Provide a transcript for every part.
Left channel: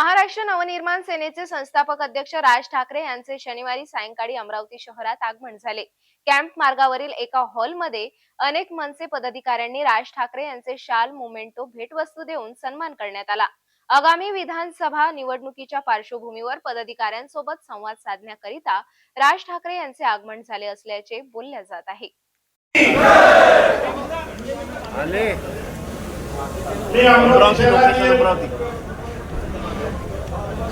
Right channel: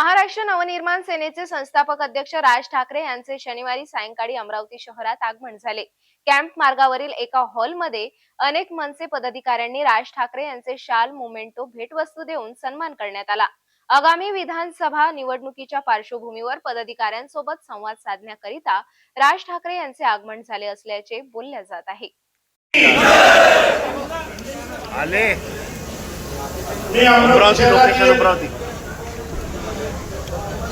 महाराष्ट्र नवनिर्माण सेनेचे संस्थापक अध्यक्ष राज ठाकरे यांचे शनिवारी सायंकाळी अमरावती शहरात आगमन झाले. कॅम्प मार्गावरील एका हॉलमध्ये अनेक मनसे पदाधिकाऱ्यांनी राज ठाकरे यांचे शाल मोमेंटो भेटवस्तू देऊन सन्मान करण्यात आला. आगामी विधानसभा निवडणुकीच्या पार्श्वभूमीवर पदाधिकाऱ्यांसोबत संवाद साधण्याकरिता राज ठाकरे यांचे आगमन झाले असल्याचे बोलल्या जात आहे आले मी अमरावती अमरावती लोकेशन शहरातील अमरावती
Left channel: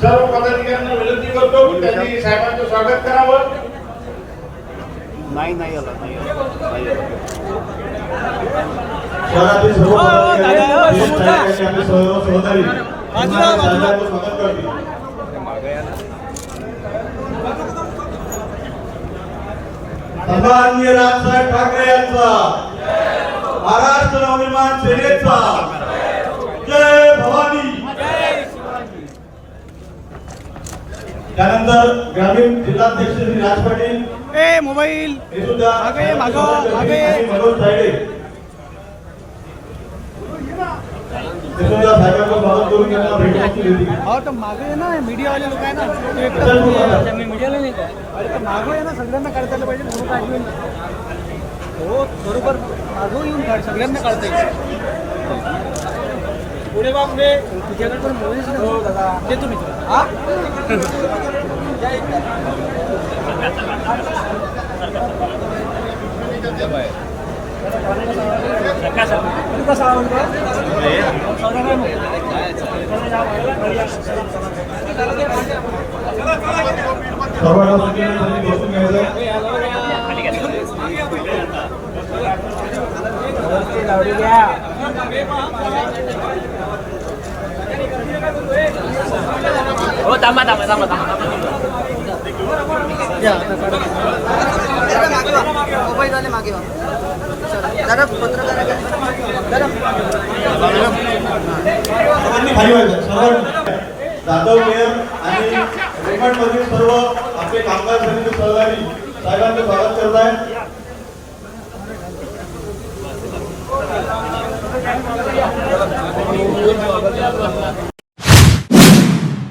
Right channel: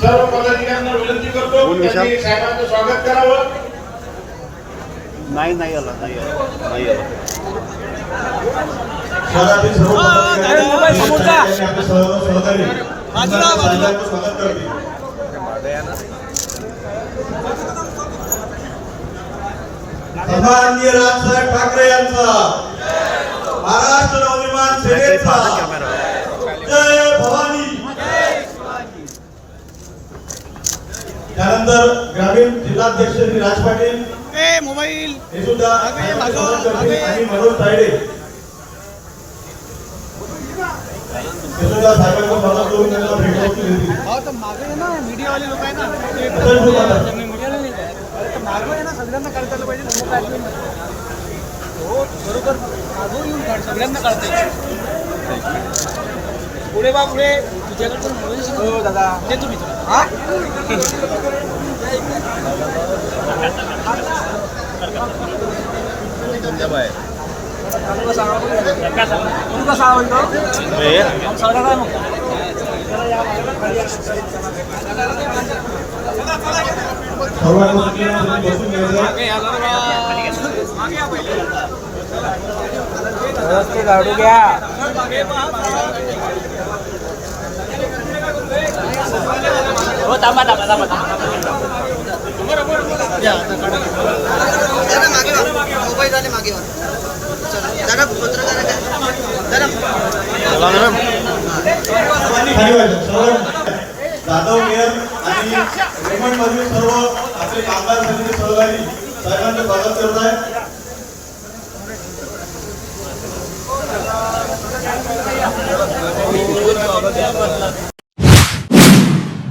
सर्व पदाधिकाऱ्यांना विनंती करतो की त्यांनी साहेबांचं स्वागत करावं. नाही नाही आलं नाही आलं नाही आलं. शहरातील सर्व पदाधिकारी जे साहेबांनी आपले सर्व सहकारी त्यांना साहेबांचं स्वागत करतील. सन्माननीय राजसाहेब ठाकरे यांचा. महाराष्ट्र नवनिर्माण सेनेचा. त्यानंतर ग्रामीण जिल्हाध्यक्ष श्री राज पाटील ए मोबाईल हे सुद्धा मागे, मागे, स्वागत करतील मागे. आणि मनोज तायडे हे सुद्धा साहेबांचं स्वागत करून त्यांना भेटवस्तू देतील हो तर मागे ना मीडियावाले लोक आहे ना ते एकटाच चल, तू बोलतात. बोला. त्यांनी मीडियाला नाही काय तर मागे आहे ना सगळ्यांना काढता आलं पाहिजे म्हणून काय नाही. हो बरोबर मागून येऊन काढ सगळ्यांना काढता येईल पुढे बा पुढे तुझ्याकडे पण मोबाईल हो दादा ते तुम्ही हा तुका सांगा सर्वांना सुखी बसून घ्यायचं गाडी घ्या हो थांबा थांबा थांबा दादा मागे वा मोबाईल दादा मागे वा चला दादा पत्रकार दादा खाली व्हायचं सर्व जाधव मेयर आणि रेमंड मधील सर्व आपले कामगार समिती सहकारी साहेबांचं स्वागत करत आहे.